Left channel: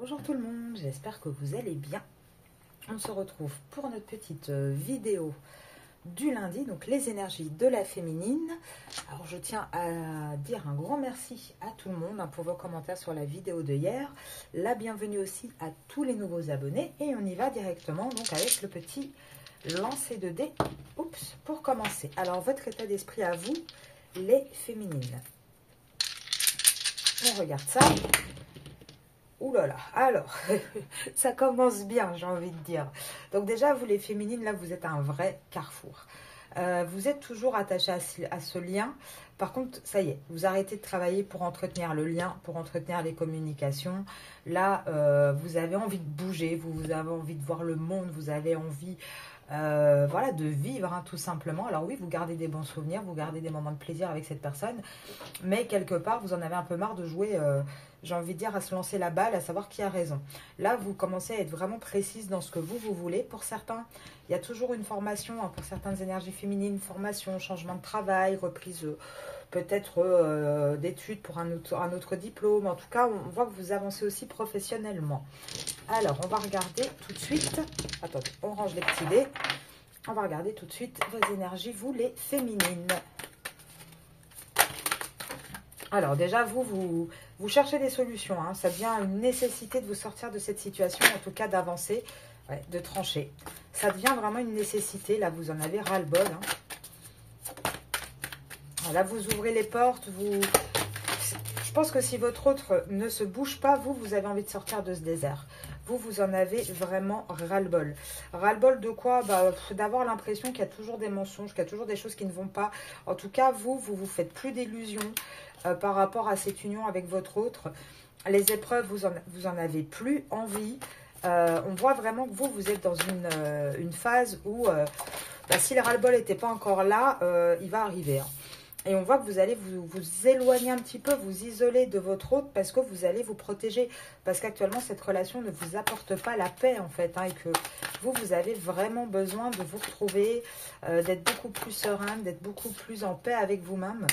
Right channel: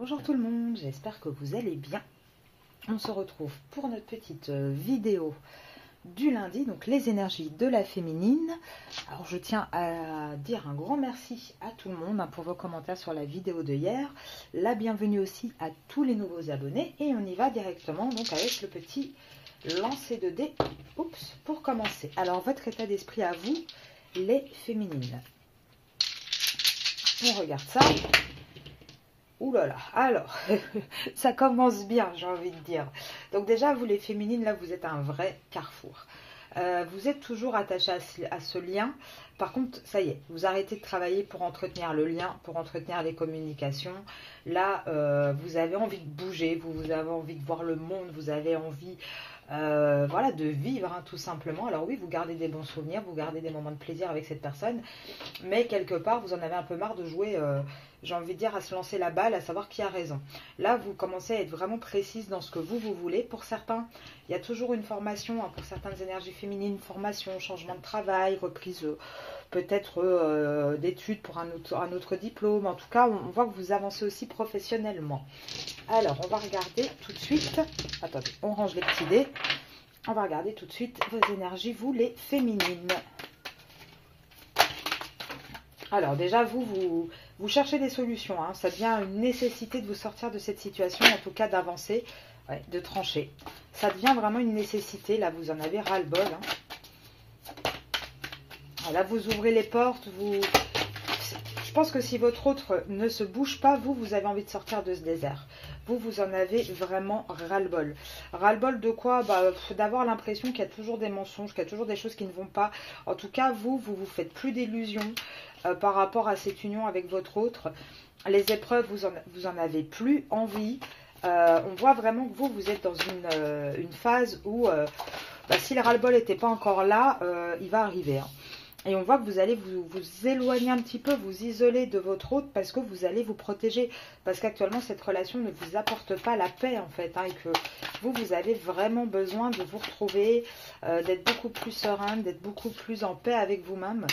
Bonjour tout le monde, j'espère que vous allez bien. On se retrouve pour notre petite vidéo du lundi, donc les énergies de la féminine. Alors je tiens à dire un grand merci à tout le monde pour vos commentaires sur la vidéo de hier. La bienvenue aussi à tous les nouveaux abonnés et on y va directement donc avec le petit lancer de dés. Oups, pour commencer. Alors votre état d'esprit à vous, les féminines. On regarde ça. Ouh là là, alors, ça commence bien, j'ai envie de dire. Donc déjà, vous les féminines, là, vous êtes un vrai carrefour. Vous êtes toujours attachés à ce lien. Par contre, ça y est, vous arrêtez de travailler pour entretenir le lien, pour entretenir les communications. Là, vous avez envie de bouger, vous avez envie de voir le monde, vous avez envie... voilà, de vivre tout simplement. Alors oui, vous gardez des bons souvenirs, vous gardez des moments de plaisir avec cette personne, mais quelque part, vous en avez un peu marre de jouer, j'ai envie de dire, à se lancer la balle, à savoir qui a raison. Là, vous commencez à être vraiment précise dans ce que vous voulez. Pour certains, il y a toujours une formation, pour certaines énergies féminines, formation, changement de travail, reprise peut-être d'études pour un autre diplôme. En tout cas, on voit que vous avancez aussi professionnellement. Alors, on va regarder tout de suite. Attendez, on range les petits dés. On va regarder tout de suite vos énergies, vous les féminines. Alors déjà, vous cherchez des solutions. Ça devient une nécessité de vous sortir de cette situation, en tout cas d'avancer, de trancher. Ça devient vraiment une nécessité. Là, vous en avez ras-le-bol. Là, vous ouvrez les portes. Je pense que si votre autre ne se bouge pas, vous avez envie de sortir de ce désert. Vous en avez vraiment ras-le-bol. Ras-le-bol de quoi? D'avoir l'impression qu'il y a toujours des mensonges, qu'il y a toujours des choses qui ne vont pas. En tout cas, vous faites plus d'illusions par rapport à cette union avec votre autre. Les épreuves, vous en avez plus envie. On voit vraiment que vous êtes dans une phase où, si le ras-le-bol n'était pas encore là, il va arriver. Et on voit que vous allez vous éloigner un petit peu, vous isoler de votre autre parce que vous allez vous protéger. Parce qu'actuellement, cette relation ne vous apporte pas la paix, en fait. Et que vous avez vraiment besoin de vous retrouver, d'être beaucoup plus sereine, d'être beaucoup plus en paix avec vous-même.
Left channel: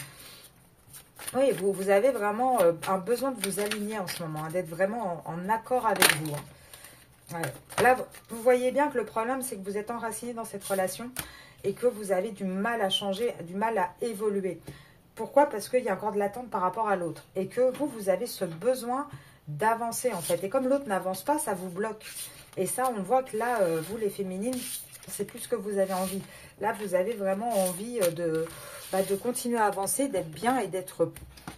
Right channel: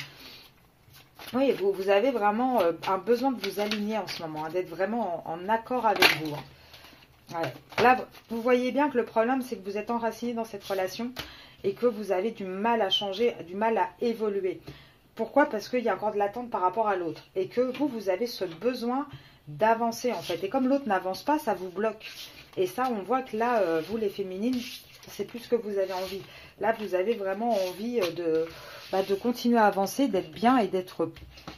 Oui, vous avez vraiment un besoin de vous aligner en ce moment, d'être vraiment en accord avec vous. Ouais. Là, vous voyez bien que le problème, c'est que vous êtes enraciné dans cette relation et que vous avez du mal à changer, du mal à évoluer. Pourquoi? Parce qu'il y a encore de l'attente par rapport à l'autre. Et que vous avez ce besoin d'avancer, en fait. Et comme l'autre n'avance pas, ça vous bloque. Et ça, on voit que là, vous, les féminines, c'est plus ce que vous avez envie. Là, vous avez vraiment envie de continuer à avancer, d'être bien et d'être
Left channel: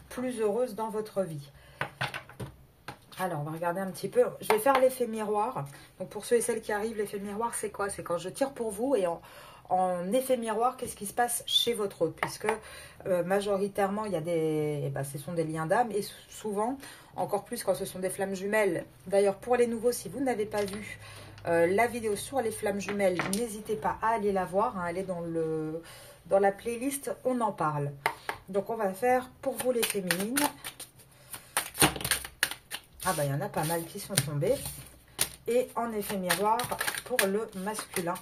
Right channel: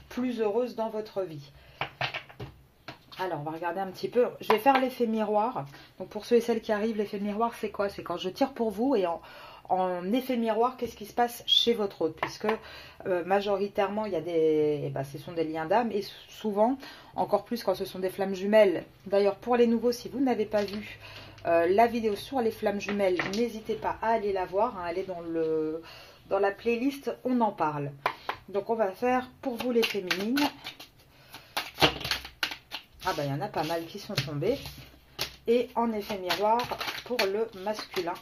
plus heureuse dans votre vie. Alors, on va regarder un petit peu. Je vais faire l'effet miroir. Donc, pour ceux et celles qui arrivent, l'effet miroir, c'est quoi? C'est quand je tire pour vous et en effet miroir, qu'est-ce qui se passe chez votre autre? Puisque majoritairement, il y a ce sont des liens d'âme et souvent, encore plus quand ce sont des flammes jumelles. D'ailleurs, pour les nouveaux, si vous n'avez pas vu la vidéo sur les flammes jumelles, n'hésitez pas à aller la voir, aller dans la playlist, on en parle. Donc, on va faire pour vous les féminines. Ah il y en a pas mal qui sont tombés. Et en effet miroir pour le masculin.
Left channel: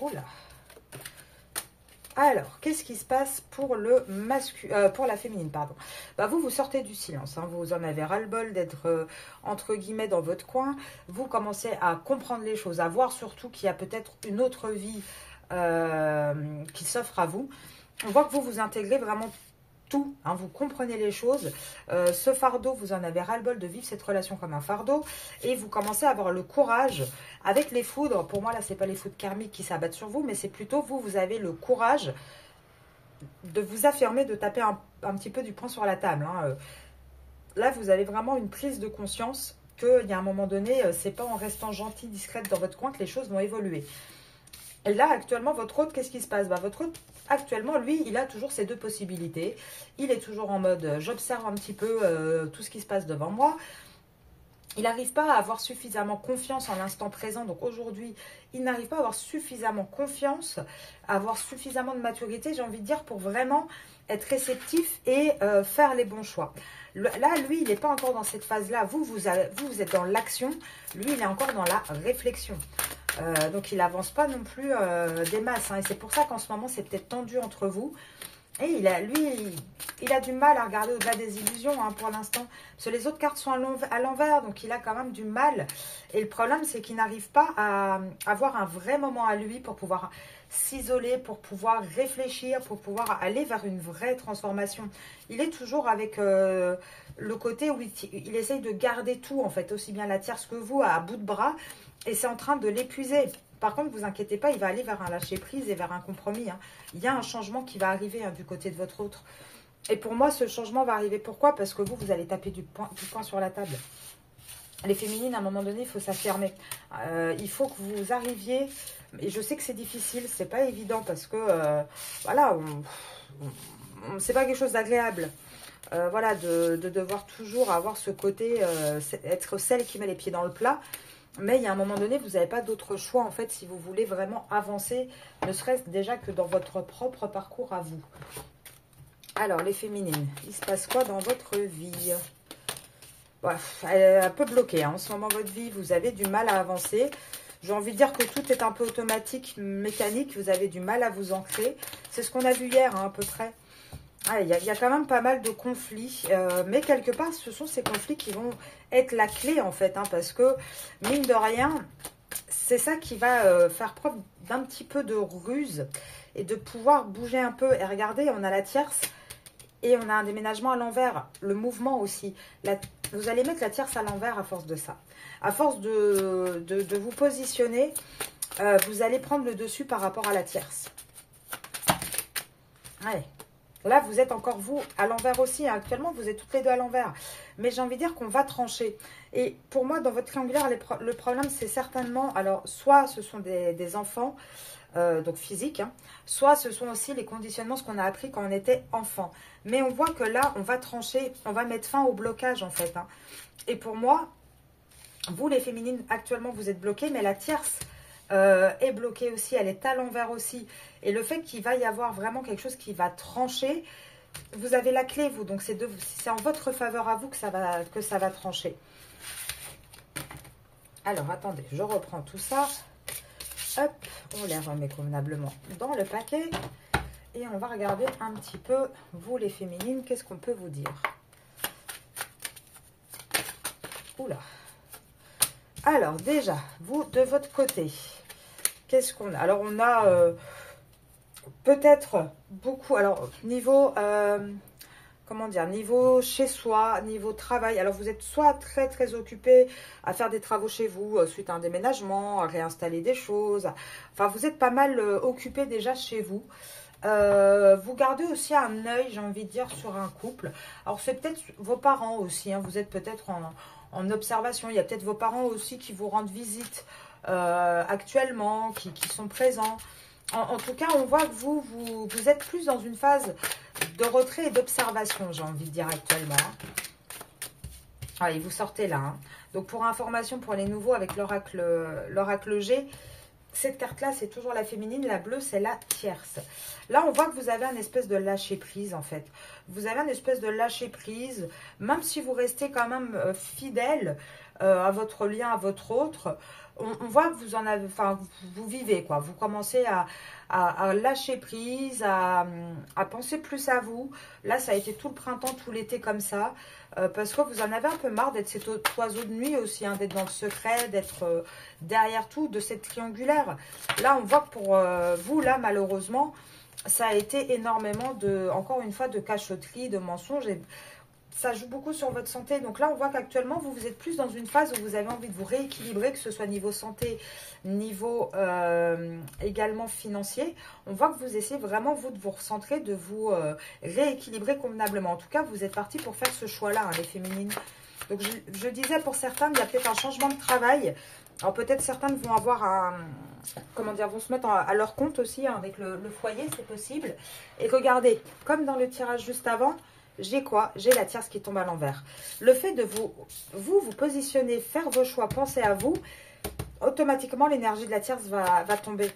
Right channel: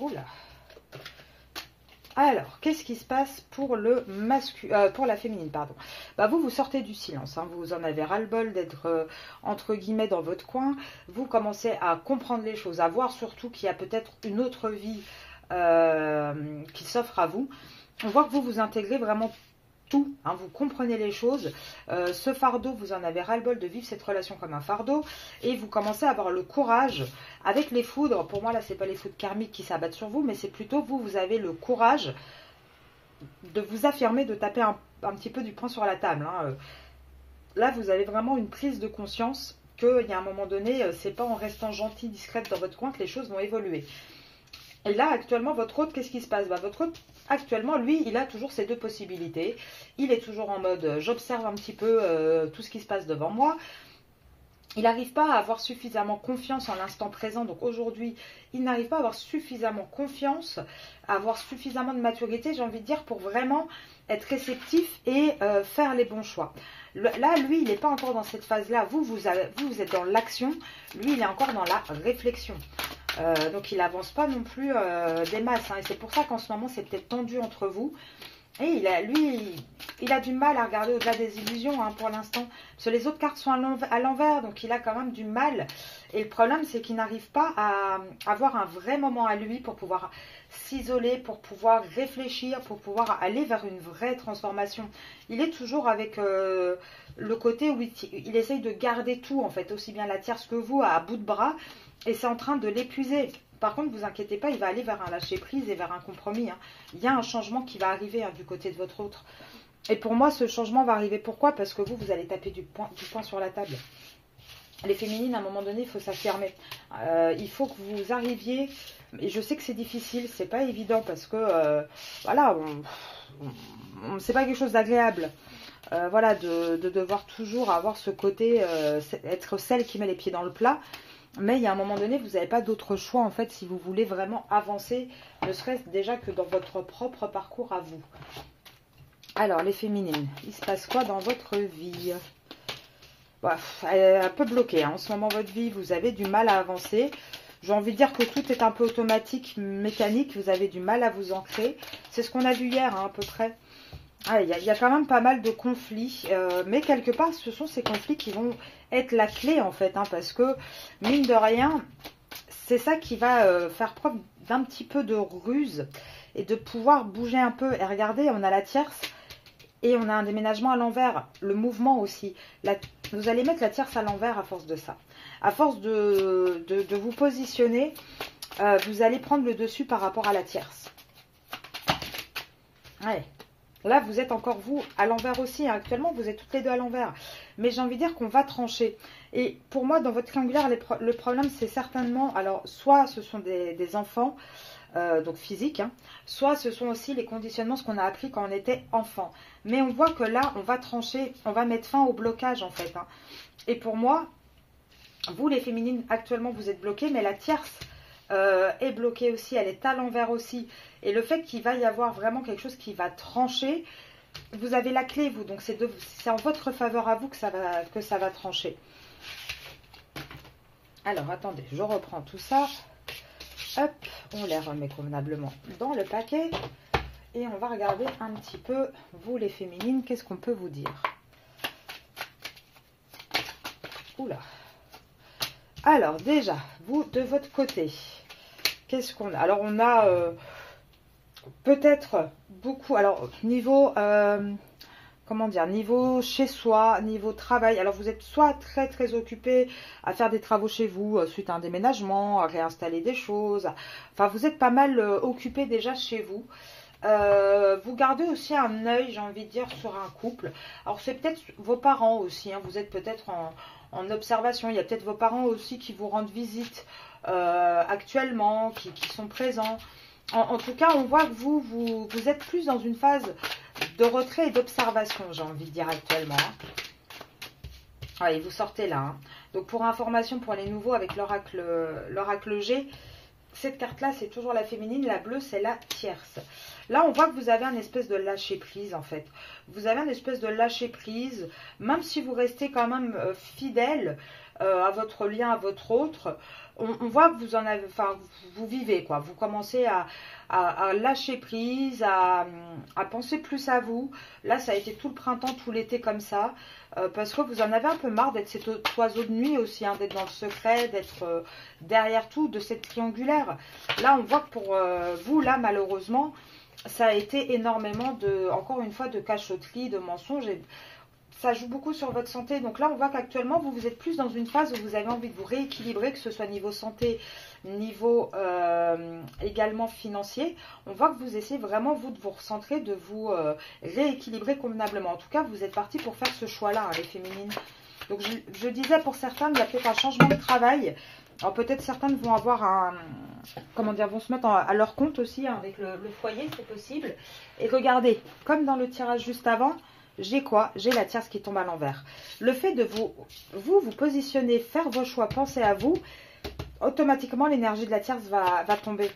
Oula. Alors, qu'est-ce qui se passe pour pour la féminine, pardon. Vous sortez du silence. Vous en avez ras-le-bol d'être, entre guillemets, dans votre coin. Vous commencez à comprendre les choses, à voir surtout qu'il y a peut-être une autre vie qui s'offre à vous. On voit que vous intégrez vraiment tout, vous comprenez les choses. Ce fardeau, vous en avez ras-le-bol de vivre cette relation comme un fardeau. Et vous commencez à avoir le courage avec les foudres. Pour moi, là, c'est pas les foudres karmiques qui s'abattent sur vous, mais c'est plutôt vous avez le courage de vous affirmer, de taper un petit peu du poing sur la table. Là, vous avez vraiment une prise de conscience qu'il y a un moment donné, c'est pas en restant gentille, discrète dans votre coin que les choses vont évoluer. Et là, actuellement, votre autre, qu'est-ce qui se passe? Votre autre, actuellement, lui, il a toujours ces deux possibilités. Il est toujours en mode, j'observe un petit peu tout ce qui se passe devant moi. Il n'arrive pas à avoir suffisamment confiance en l'instant présent. Donc aujourd'hui, il n'arrive pas à avoir suffisamment confiance, à avoir suffisamment de maturité, j'ai envie de dire, pour vraiment être réceptif et faire les bons choix. Là, lui, il n'est pas encore dans cette phase-là. Vous êtes dans l'action. Lui, il est encore dans la réflexion. Donc, il n'avance pas non plus des masses. Et c'est pour ça qu'en ce moment, c'est peut-être tendu entre vous. Et lui, il a du mal à regarder au-delà des illusions hein, pour l'instant. Parce que les autres cartes sont à l'envers, donc il a quand même du mal. Et le problème, c'est qu'il n'arrive pas à avoir un vrai moment à lui pour pouvoir s'isoler, pour pouvoir réfléchir, pour pouvoir aller vers une vraie transformation. Il est toujours avec le côté où il essaye de garder tout, en fait, aussi bien la tierce que vous, à bout de bras. Et c'est en train de l'épuiser. Par contre, ne vous inquiétez pas, il va aller vers un lâcher-prise et vers un compromis. Hein. Il y a un changement qui va arriver hein, du côté de votre autre. Et pour moi, ce changement va arriver. Pourquoi? Parce que vous allez taper du poing sur la table. Les féminines, à un moment donné, il faut s'affirmer. Il faut que vous arriviez... Et je sais que c'est difficile, c'est pas évident parce que, voilà, c'est pas quelque chose d'agréable. Voilà, de devoir toujours avoir ce côté, être celle qui met les pieds dans le plat. Mais il y a un moment donné, vous n'avez pas d'autre choix, en fait, si vous voulez vraiment avancer, ne serait-ce déjà que dans votre propre parcours à vous. Alors, les féminines, il se passe quoi dans votre vie? Ouais, elle est un peu bloquée. Hein. En ce moment, votre vie, vous avez du mal à avancer. J'ai envie de dire que tout est un peu automatique, mécanique. Vous avez du mal à vous ancrer. C'est ce qu'on a vu hier, hein, à peu près. Il y a quand même pas mal de conflits, mais quelque part, ce sont ces conflits qui vont être la clé, en fait, hein, parce que, mine de rien, c'est ça qui va faire preuve d'un petit peu de ruse et de pouvoir bouger un peu. Et regardez, on a la tierce et on a un déménagement à l'envers, le mouvement aussi. Vous allez mettre la tierce à l'envers à force de ça. À force de vous positionner, vous allez prendre le dessus par rapport à la tierce. Ouais. Là, vous êtes encore, vous, à l'envers aussi. Hein. Actuellement, vous êtes toutes les deux à l'envers. Mais j'ai envie de dire qu'on va trancher. Et pour moi, dans votre triangulaire, le problème, c'est certainement... Alors, soit ce sont des enfants, donc physiques, hein, soit ce sont aussi les conditionnements, ce qu'on a appris quand on était enfant. Mais on voit que là, on va trancher, on va mettre fin au blocage, en fait. Hein. Et pour moi, vous, les féminines, actuellement, vous êtes bloquées, mais la tierce est bloquée aussi. Elle est à l'envers aussi. Et le fait qu'il va y avoir vraiment quelque chose qui va trancher, vous avez la clé, vous. Donc, c'est en votre faveur à vous que ça va trancher. Alors, attendez, je reprends tout ça. Hop, on les remet convenablement dans le paquet. Et on va regarder un petit peu, vous, les féminines, qu'est-ce qu'on peut vous dire? Oula. Alors, déjà, vous, de votre côté, qu'est-ce qu'on a? Alors, on a... peut-être beaucoup, alors niveau, comment dire, niveau chez soi, niveau travail. Alors vous êtes soit très très occupé à faire des travaux chez vous, suite à un déménagement, à réinstaller des choses. Enfin, vous êtes pas mal occupé déjà chez vous. Vous gardez aussi un œil, j'ai envie de dire, sur un couple. Alors c'est peut-être vos parents aussi, hein, vous êtes peut-être en observation. Il y a peut-être vos parents aussi qui vous rendent visite actuellement, qui sont présents. En tout cas, on voit que vous êtes plus dans une phase de retrait et d'observation, j'ai envie de dire actuellement. Allez, vous sortez là. Hein. Donc, pour information, pour les nouveaux, avec l'oracle G, cette carte-là, c'est toujours la féminine. La bleue, c'est la tierce. Là, on voit que vous avez un espèce de lâcher-prise, en fait. Vous avez un espèce de lâcher-prise, même si vous restez quand même fidèle à votre lien, à votre autre. On voit que vous en avez, enfin, vous vivez, quoi. Vous commencez à lâcher prise, à penser plus à vous. Là, ça a été tout le printemps, tout l'été comme ça. Parce que vous en avez un peu marre d'être cet oiseau de nuit aussi, hein, d'être dans le secret, d'être derrière tout, de cette triangulaire. Là, on voit que pour vous, là, malheureusement, ça a été énormément encore une fois, de cachotterie, de mensonges. Et ça joue beaucoup sur votre santé. Donc là, on voit qu'actuellement, vous êtes plus dans une phase où vous avez envie de vous rééquilibrer, que ce soit niveau santé, niveau également financier. On voit que vous essayez vraiment, vous, de vous recentrer, de vous rééquilibrer convenablement. En tout cas, vous êtes parti pour faire ce choix-là, hein, les féminines. Donc, je disais, pour certains, il y a peut-être un changement de travail. Alors, peut-être certains vont avoir comment dire, vont se mettre à leur compte aussi, hein, avec le foyer, c'est possible. Et regardez, comme dans le tirage juste avant, j'ai quoi? J'ai la tierce qui tombe à l'envers. Le fait de vous positionner, faire vos choix, penser à vous, automatiquement l'énergie de la tierce va tomber.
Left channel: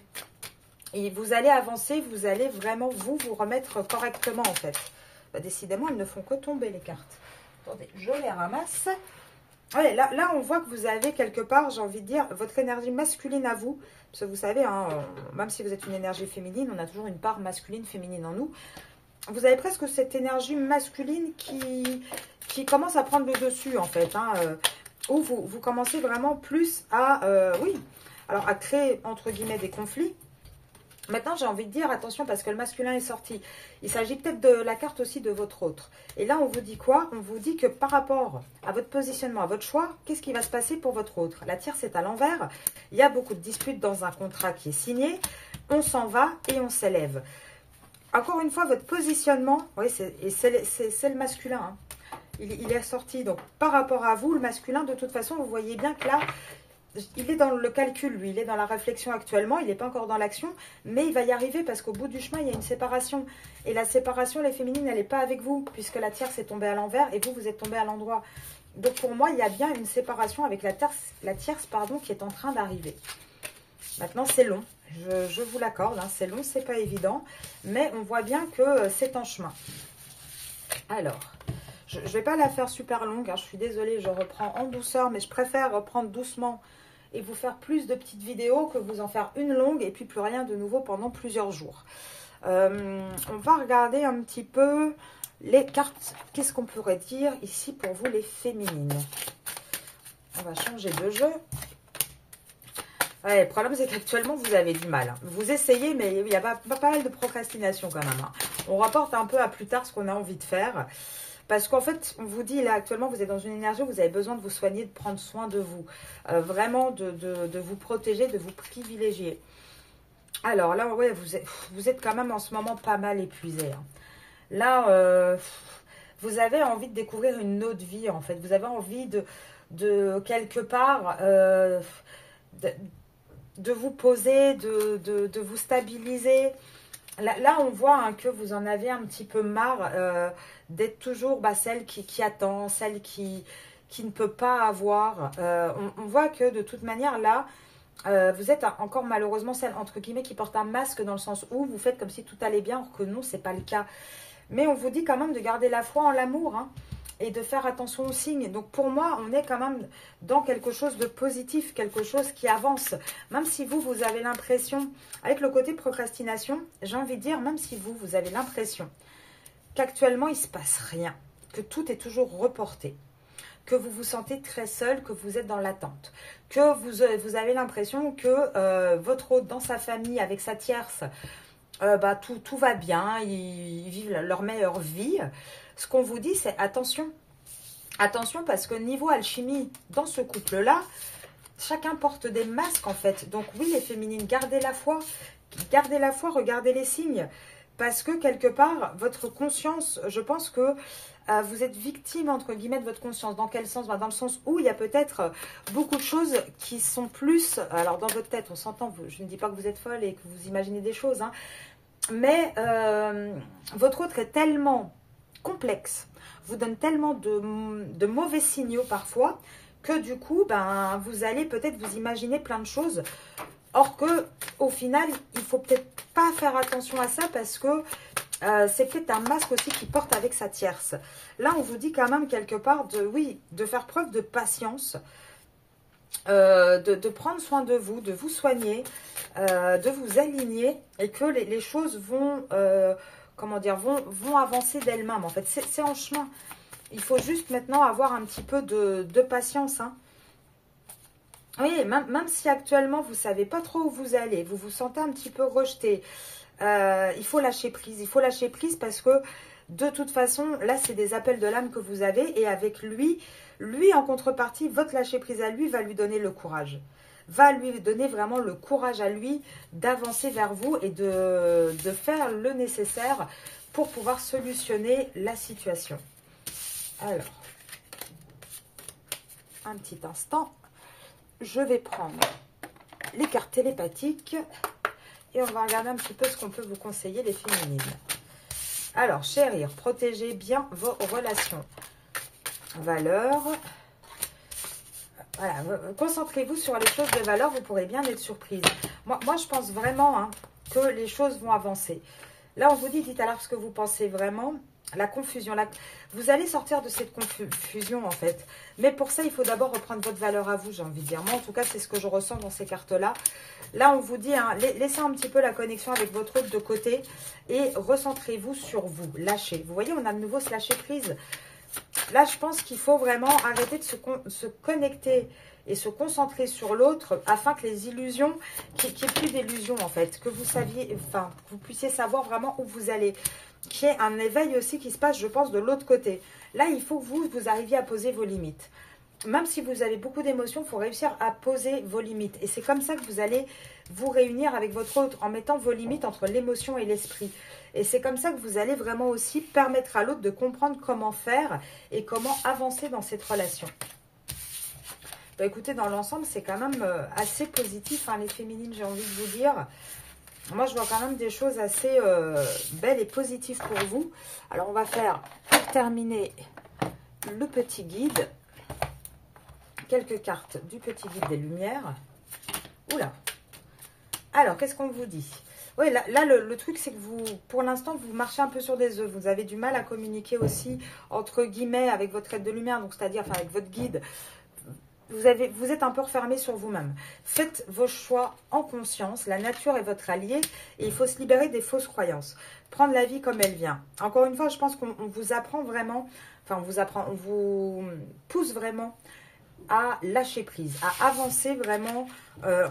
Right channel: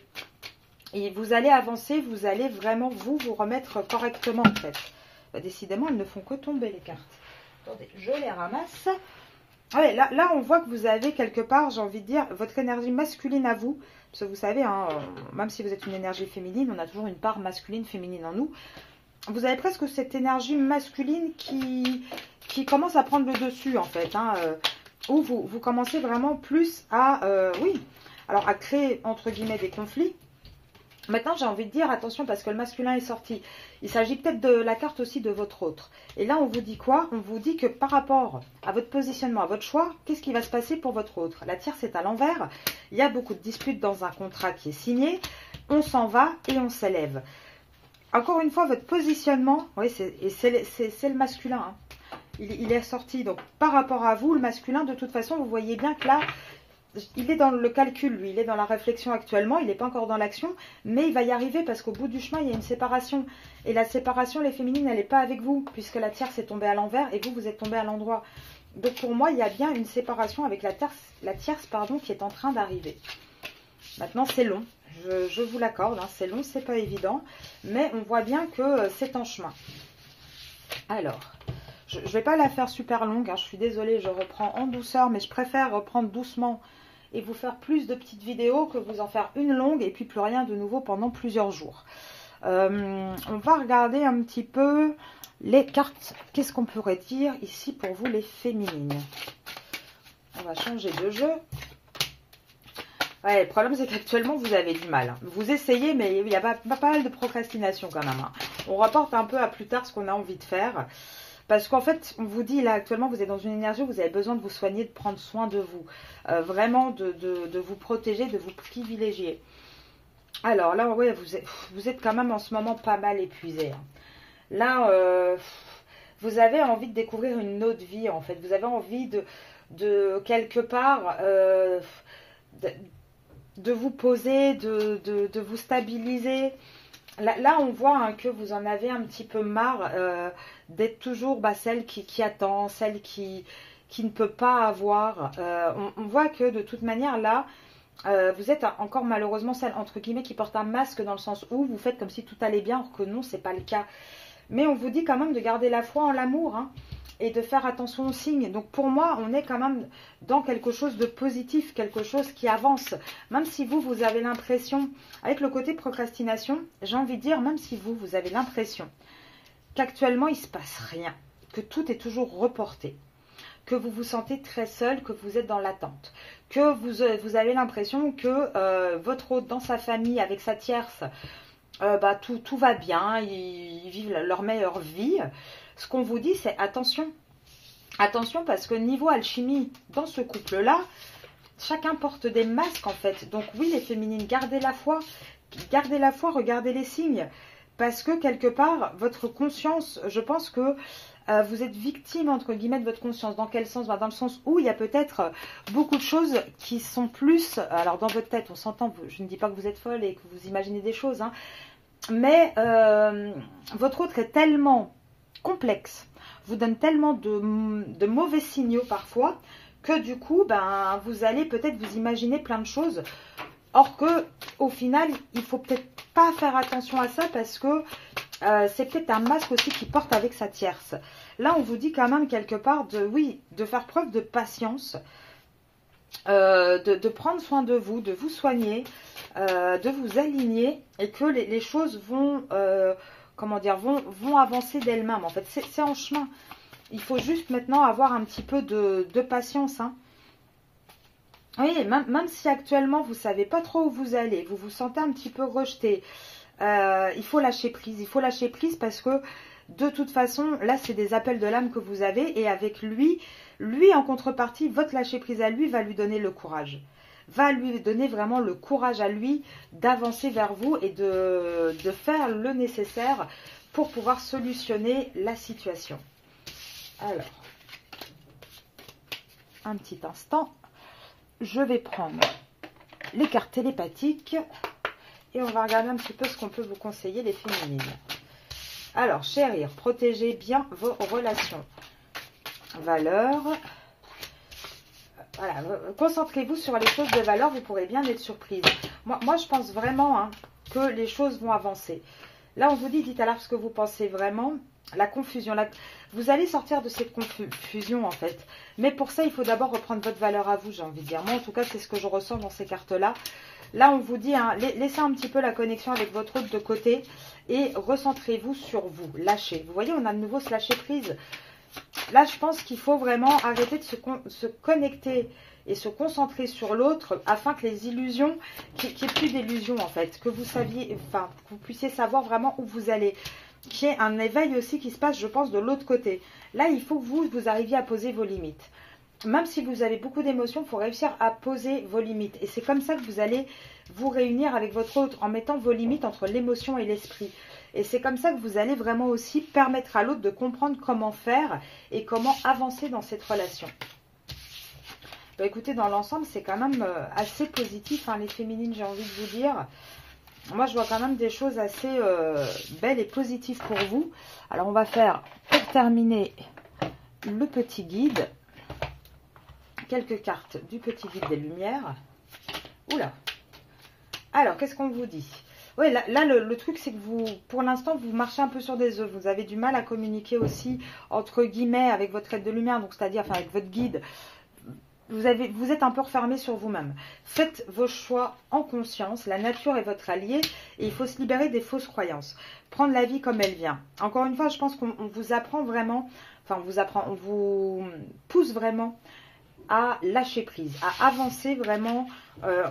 Et vous allez avancer, vous allez vraiment vous remettre correctement en fait. Bah, décidément, elles ne font que tomber les cartes. Attendez, je les ramasse. Allez, là, on voit que vous avez quelque part, j'ai envie de dire, votre énergie masculine à vous. Parce que vous savez, hein, même si vous êtes une énergie féminine, on a toujours une part masculine, féminine en nous. vous avez presque cette énergie masculine qui commence à prendre le dessus, en fait. Hein, où vous commencez vraiment plus à, oui, alors à créer, entre guillemets, des conflits. Maintenant, j'ai envie de dire, attention, parce que le masculin est sorti. Il s'agit peut-être de la carte aussi de votre autre. Et là, on vous dit quoi? On vous dit que par rapport à votre positionnement, à votre choix, qu'est-ce qui va se passer pour votre autre? La tierce est à l'envers. Il y a beaucoup de disputes dans un contrat qui est signé. On s'en va et on s'élève. Encore une fois, votre positionnement, oui, c'est le masculin. Hein. Il est sorti. Donc, par rapport à vous, le masculin, de toute façon, vous voyez bien que là, il est dans le calcul, lui. Il est dans la réflexion actuellement. Il n'est pas encore dans l'action. Mais il va y arriver parce qu'au bout du chemin, il y a une séparation. Et la séparation, les féminines, elle n'est pas avec vous. Puisque la tierce est tombée à l'envers et vous, vous êtes tombé à l'endroit. Donc, pour moi, il y a bien une séparation avec la tierce qui est en train d'arriver. Maintenant, c'est long. Je vous l'accorde. Hein, c'est long, c'est pas évident. Mais on voit bien que c'est en chemin. Alors... je ne vais pas la faire super longue, hein, je suis désolée, je reprends en douceur, mais je préfère reprendre doucement et vous faire plus de petites vidéos que vous en faire une longue et puis plus rien de nouveau pendant plusieurs jours. On va regarder un petit peu les cartes. Qu'est-ce qu'on pourrait dire ici pour vous les féminines? On va changer de jeu. Ouais, le problème c'est qu'actuellement vous avez du mal. Hein. Vous essayez, mais il y a pas mal de procrastination quand même. Hein. On rapporte un peu à plus tard ce qu'on a envie de faire. Parce qu'en fait, on vous dit là actuellement, vous êtes dans une énergie où vous avez besoin de vous soigner, de prendre soin de vous. Vraiment de vous protéger, de vous privilégier. Alors là, ouais, vous êtes quand même en ce moment pas mal épuisé. Hein. Là, vous avez envie de découvrir une autre vie en fait. Vous avez envie de quelque part... de vous poser, de vous stabiliser. Là, on voit hein, que vous en avez un petit peu marre d'être toujours celle qui attend, celle qui ne peut pas avoir. On voit que de toute manière, là, vous êtes encore malheureusement celle, entre guillemets, qui porte un masque dans le sens où vous faites comme si tout allait bien, alors que non, c'est pas le cas. Mais on vous dit quand même de garder la foi en l'amour, hein, et de faire attention aux signes. Donc pour moi, on est quand même dans quelque chose de positif, quelque chose qui avance. Même si vous avez l'impression, avec le côté procrastination, j'ai envie de dire, même si vous avez l'impression qu'actuellement, il ne se passe rien, que tout est toujours reporté, que vous vous sentez très seul, que vous êtes dans l'attente, que vous avez l'impression que votre hôte dans sa famille, avec sa tierce, tout va bien, ils vivent leur meilleure vie. Ce qu'on vous dit, c'est attention. Attention parce que niveau alchimie, dans ce couple-là, chacun porte des masques en fait. Donc oui, les féminines, gardez la foi, regardez les signes. Parce que quelque part, votre conscience, je pense que vous êtes victime entre guillemets de votre conscience. Dans quel sens? Dans le sens où il y a peut-être beaucoup de choses qui sont plus... Alors dans votre tête, on s'entend, je ne dis pas que vous êtes folle et que vous imaginez des choses. Hein, mais votre autre est tellement... complexe, vous donne tellement de mauvais signaux parfois que du coup, vous allez peut-être vous imaginer plein de choses. Or que, au final, il faut peut-être pas faire attention à ça parce que c'est peut-être un masque aussi qui porte avec sa tierce. Là, on vous dit quand même quelque part de faire preuve de patience, de prendre soin de vous soigner, de vous aligner et que les choses vont... comment dire, vont avancer d'elles-mêmes. En fait, c'est en chemin. Il faut juste maintenant avoir un petit peu de patience. Hein. Oui, même si actuellement, vous ne savez pas trop où vous allez, vous vous sentez un petit peu rejeté, il faut lâcher prise. Il faut lâcher prise parce que, de toute façon, là, c'est des appels de l'âme que vous avez. Et avec lui, en contrepartie, votre lâcher prise à lui va lui donner le courage. Va lui donner vraiment le courage à lui d'avancer vers vous et de faire le nécessaire pour pouvoir solutionner la situation. Alors, un petit instant, je vais prendre les cartes télépathiques et on va regarder un petit peu ce qu'on peut vous conseiller les féminines. Alors, chérir, protégez bien vos relations. Valeurs. Voilà, concentrez-vous sur les choses de valeur, vous pourrez bien être surprise. Moi je pense vraiment hein, que les choses vont avancer. Là, on vous dit, dites alors ce que vous pensez vraiment. La confusion, vous allez sortir de cette confusion en fait. Mais pour ça, il faut d'abord reprendre votre valeur à vous, j'ai envie de dire. Moi, en tout cas, c'est ce que je ressens dans ces cartes-là. Là, on vous dit, hein, laissez un petit peu la connexion avec votre autre de côté et recentrez-vous sur vous. Lâchez. Vous voyez, on a de nouveau ce lâcher prise. Là, je pense qu'il faut vraiment arrêter de se connecter et se concentrer sur l'autre afin que les illusions, qu'il n'y ait plus d'illusions en fait, que vous saviez, enfin, que vous puissiez savoir vraiment où vous allez, qu'il y ait un éveil aussi qui se passe, je pense, de l'autre côté. Là, il faut que vous arriviez à poser vos limites. Même si vous avez beaucoup d'émotions, il faut réussir à poser vos limites. Et c'est comme ça que vous allez vous réunir avec votre autre, en mettant vos limites entre l'émotion et l'esprit. Et c'est comme ça que vous allez vraiment aussi permettre à l'autre de comprendre comment faire et comment avancer dans cette relation. Bah, écoutez, dans l'ensemble, c'est quand même assez positif, hein, les féminines, j'ai envie de vous dire. Moi, je vois quand même des choses assez belles et positives pour vous. Alors, on va faire, pour terminer, le petit guide. Quelques cartes du petit guide des lumières. Oula. Alors, qu'est-ce qu'on vous dit? Oui, là le truc, c'est que vous, pour l'instant, vous marchez un peu sur des œufs. Vous avez du mal à communiquer aussi, entre guillemets, avec votre aide de lumière, donc c'est-à-dire enfin, avec votre guide. Vous êtes un peu refermé sur vous-même. Faites vos choix en conscience. La nature est votre allié et il faut se libérer des fausses croyances. Prendre la vie comme elle vient. Encore une fois, je pense qu'on vous apprend vraiment, enfin, on vous pousse vraiment à lâcher prise, à avancer vraiment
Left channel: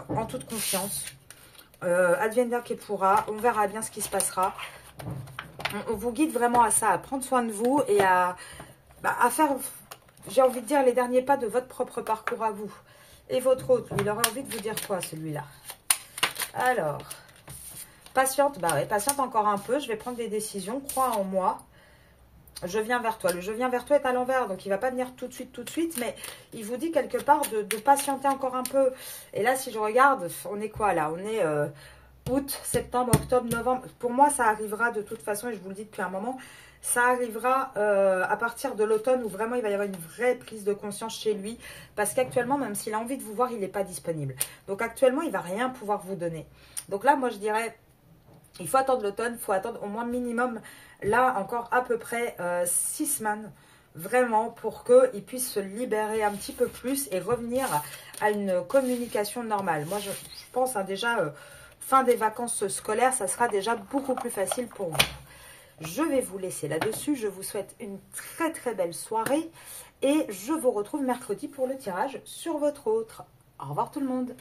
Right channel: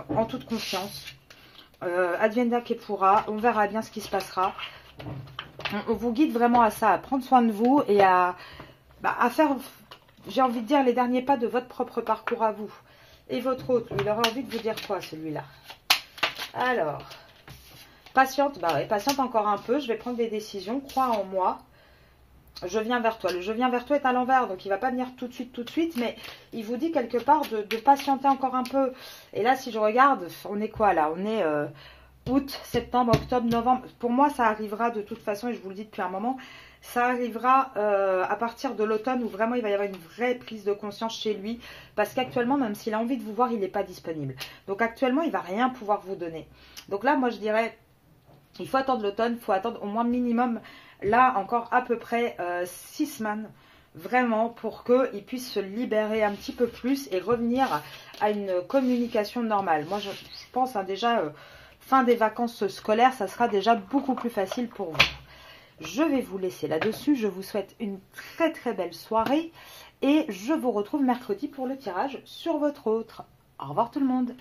en toute confiance. Adviendra que pourra, on verra bien ce qui se passera. On vous guide vraiment à ça, à prendre soin de vous et à faire, j'ai envie de dire, les derniers pas de votre propre parcours à vous. Et votre autre, il aura envie de vous dire quoi, celui-là? Alors, patiente, bah ouais, patiente encore un peu, je vais prendre des décisions, crois en moi. Je viens vers toi. Le je viens vers toi est à l'envers, donc il ne va pas venir tout de suite, mais il vous dit quelque part de patienter encore un peu. Et là, si je regarde, on est quoi là? On est août, septembre, octobre, novembre. Pour moi, ça arrivera de toute façon, et je vous le dis depuis un moment, ça arrivera à partir de l'automne où vraiment il va y avoir une vraie prise de conscience chez lui. Parce qu'actuellement, même s'il a envie de vous voir, il n'est pas disponible. Donc actuellement, il ne va rien pouvoir vous donner. Donc là, moi je dirais, il faut attendre l'automne, il faut attendre au moins minimum... Là, encore à peu près 6 semaines, vraiment, pour qu'il puisse se libérer un petit peu plus et revenir à une communication normale. Moi, je pense déjà, fin des vacances scolaires, ça sera déjà beaucoup plus facile pour vous. Je vais vous laisser là-dessus. Je vous souhaite une très très belle soirée et je vous retrouve mercredi pour le tirage sur votre autre. Au revoir tout le monde.